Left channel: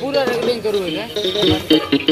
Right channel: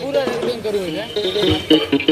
पूरा रेकॉर्डिंग करू है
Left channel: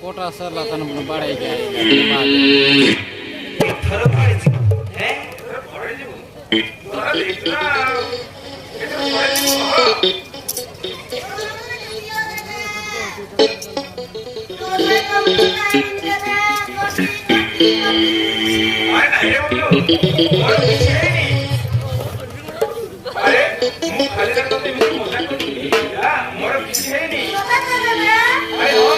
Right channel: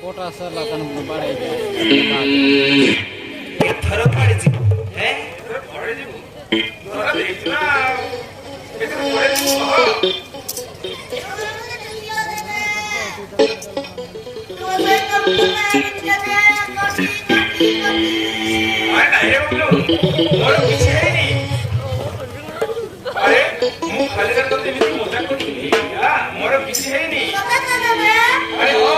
कोटा सर लाता ना बड़ा है फरक पड़ेगी हैं पड़ेगी तोरा देखना कितने पड़ेगी अरे नहीं बोलो और पीछे है नहीं अरे खाली कर तो तेरी मजाक को यार मोर पीछे है नहीं अरे हो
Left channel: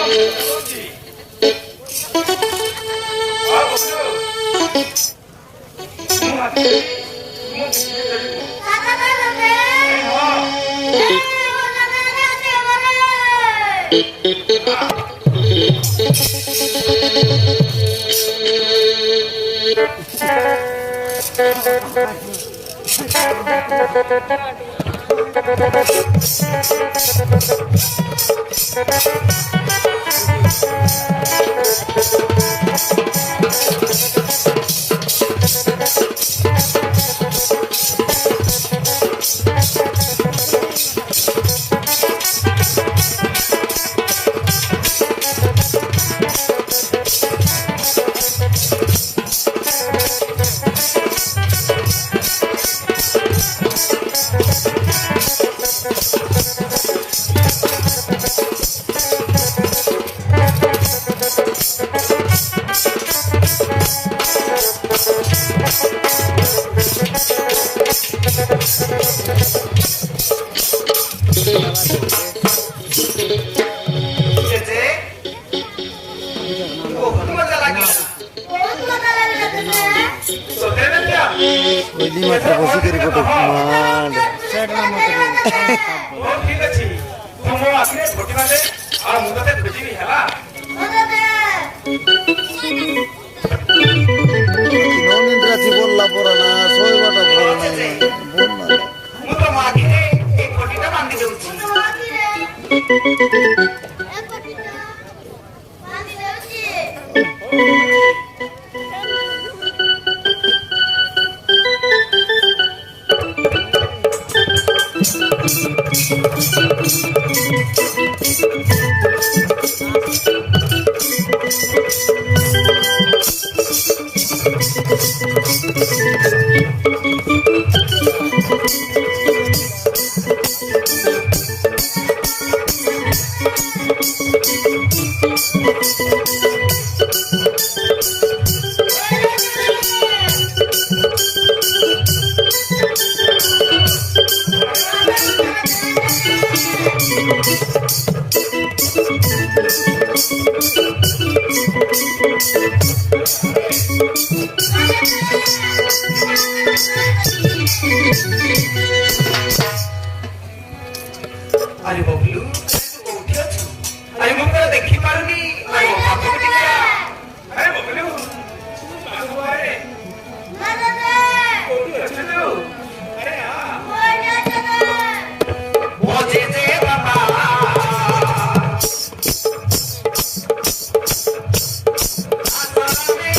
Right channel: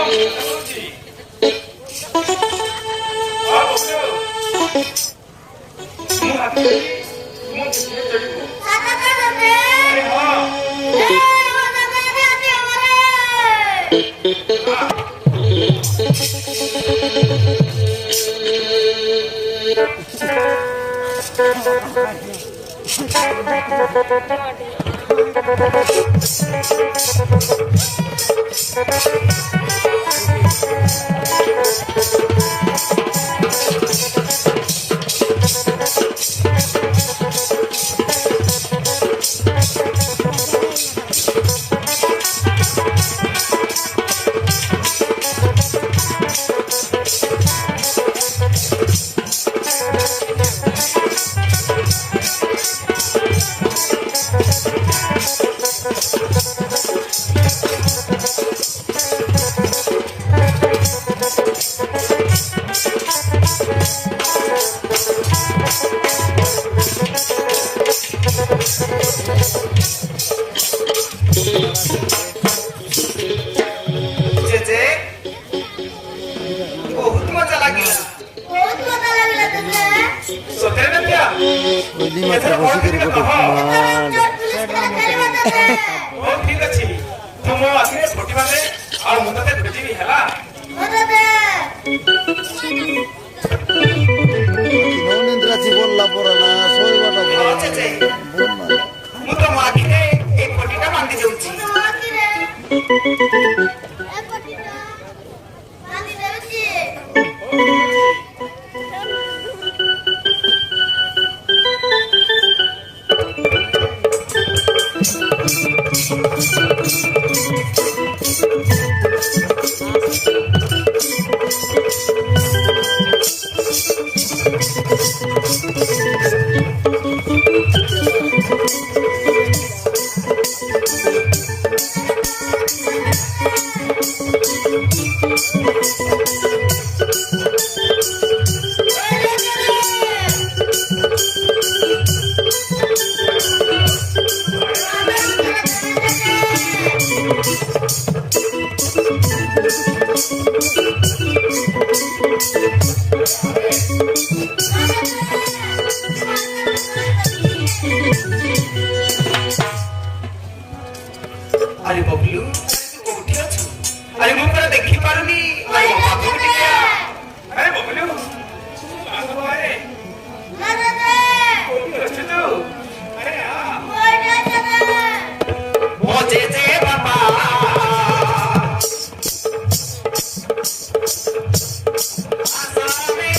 अरे बबलू कोठी अछु अरे मु तोरा देखि पारुनी अरे बाबू टिया अरे बबलू बाबू अरे ना दादा कोठी अछु तू अरे हां कोठी दादा वो जे बाबा आसाने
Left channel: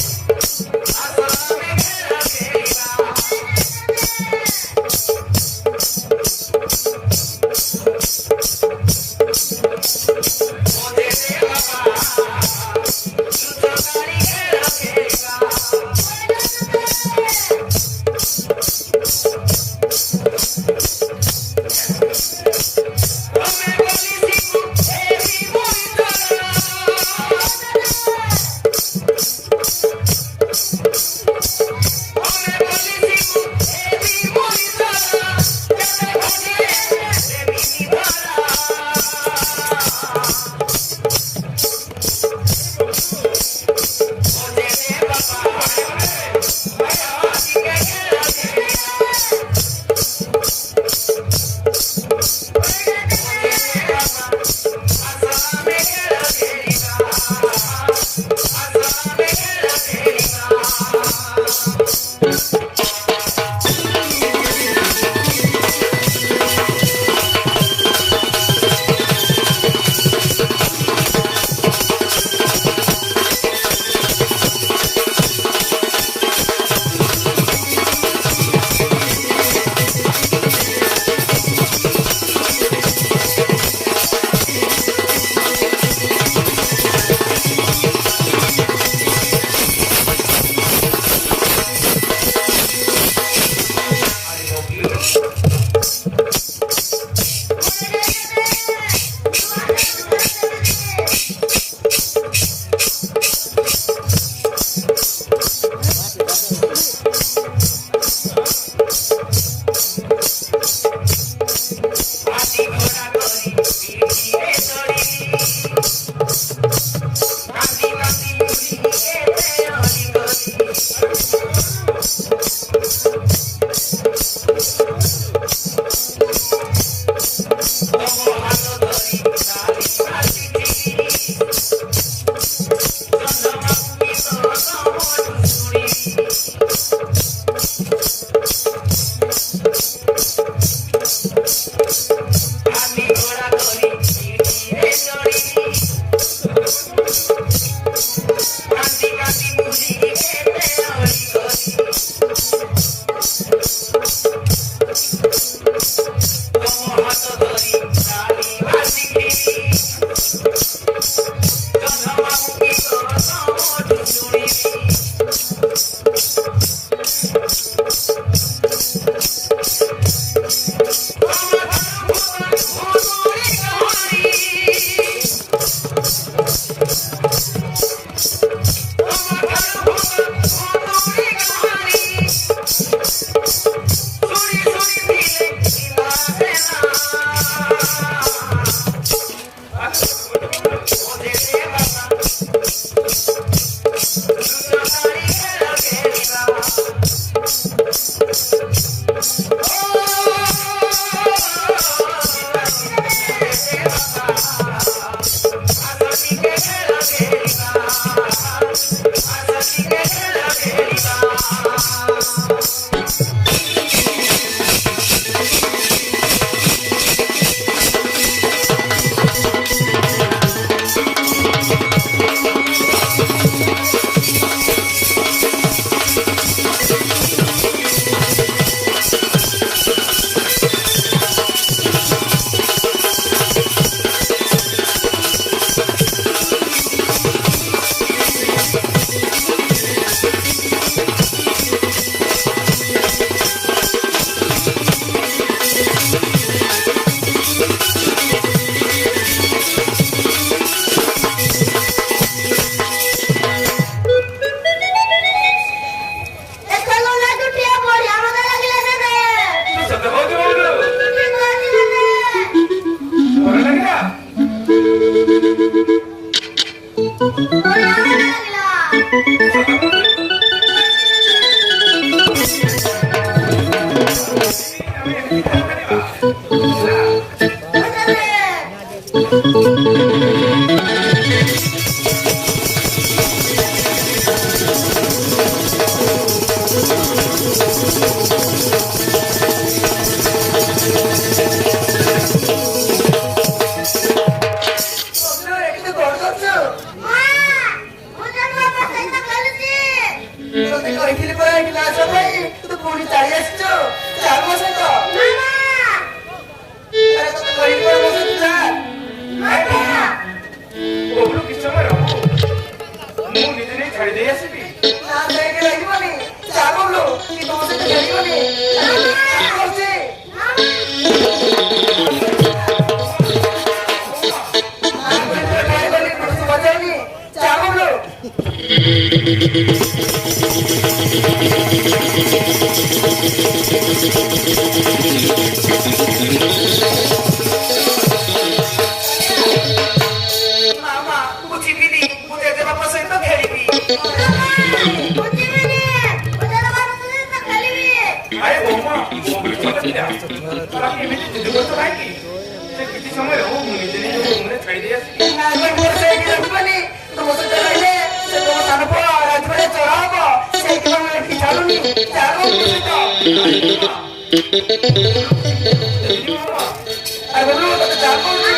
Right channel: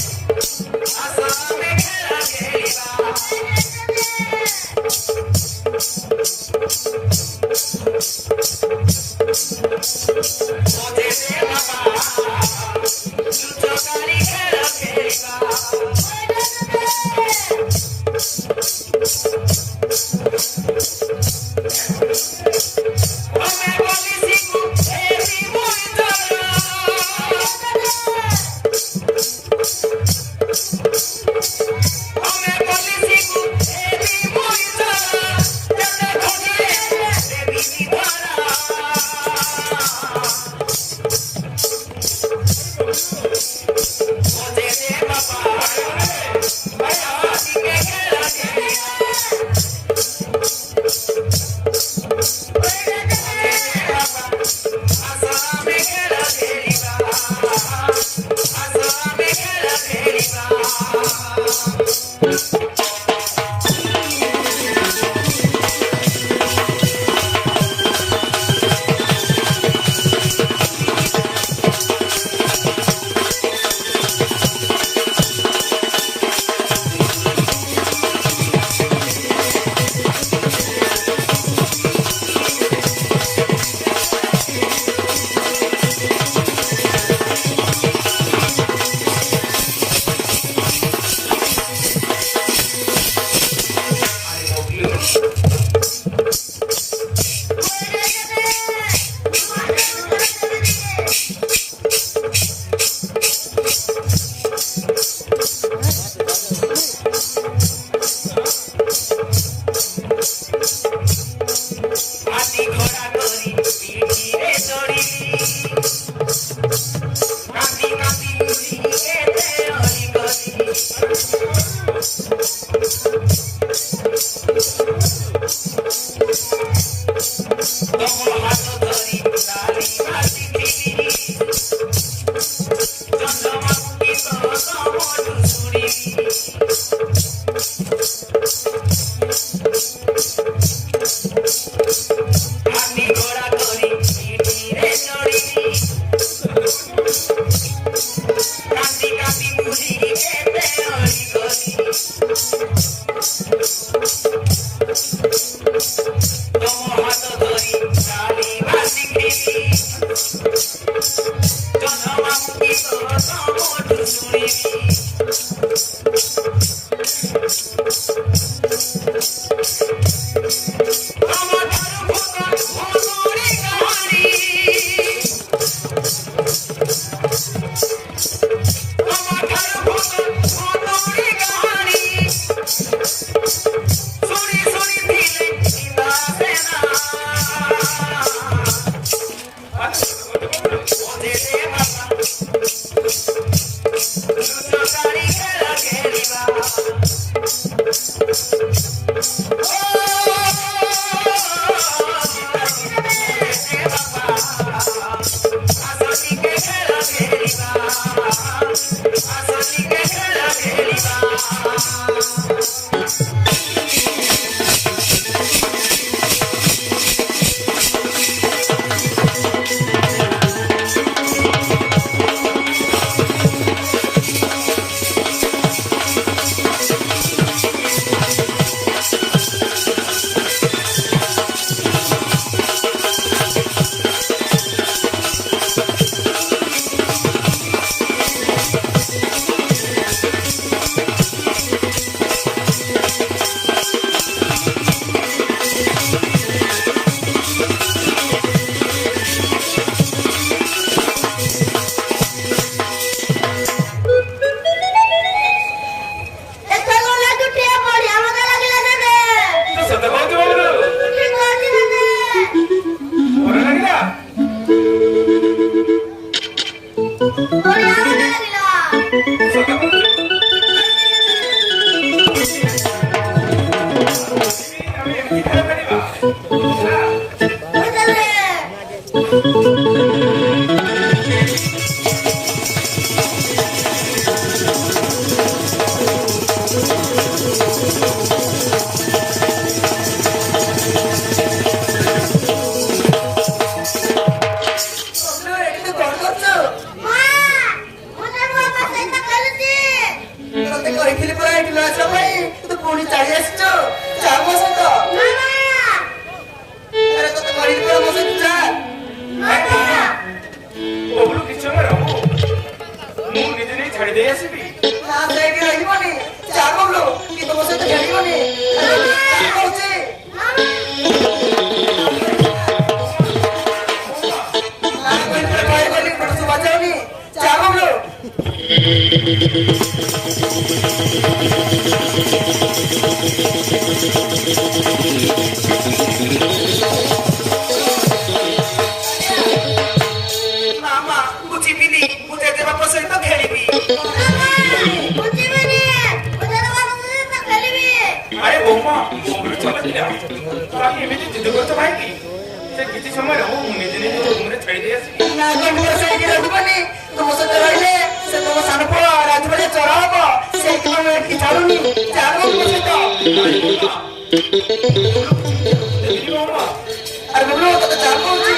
Nama, ku cipili, ku jaga apa sih itu ଏମିତି ଜିଦ କରୁଛ କାହିଁକି ସେ କିଛି ସମୟ ରହୁ ମୁଁ ନିଜେ ନିଜେ ରୁମରେ ଛାଇଦେଇ ଆସିବି ସେଇଠି ରଖିବନି ତମ ସହିତ ରହିଲେ ସେ ତମ ସାନ ପୁଅ ରାଜବାଡି ଚୋର ହବ ସେଇଥିପାଇଁ ମୁଁ ଏଠି ଛାଡୁନି ଚାଲୁ ମୋ ସହିତ ଆରେ ବୋଲୁ ତତେ ଚାଲ କହୁଛି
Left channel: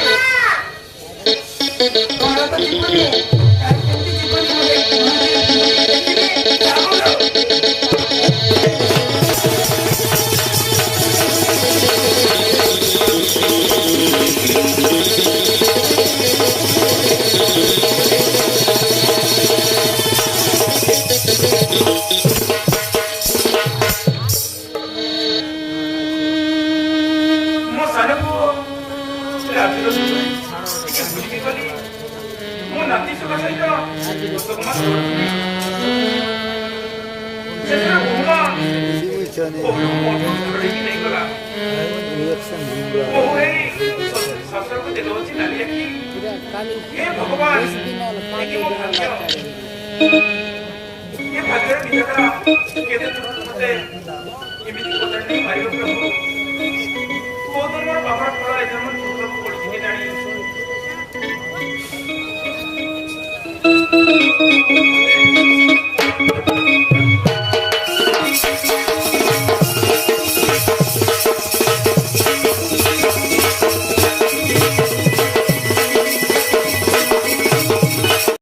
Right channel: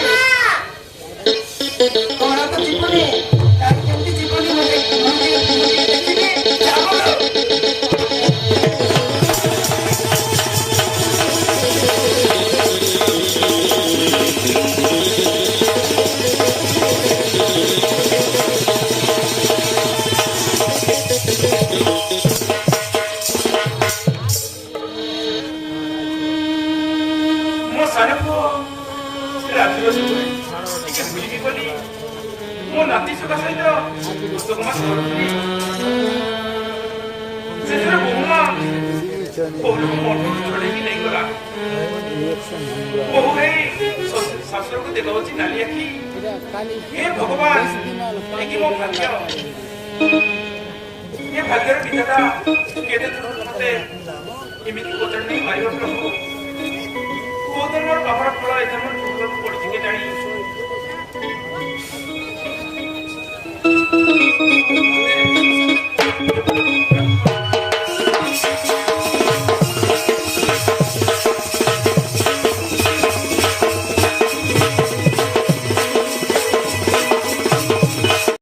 କଣ ତ ଯିବୁନି କେମିତି ଯିବୁନି ଦେଖିବି ଚାଲ नाती सहित छड़ेकी नहीं गला शास्त्र को देखा नाली आखि हे भगवान मो भाग्य ये भाग्यर विधाता केते मते एमिति कोचंडी मारियो प्रभु कोदर मोर बाबड़ फळ एथन टुकर को पड़ी के जानी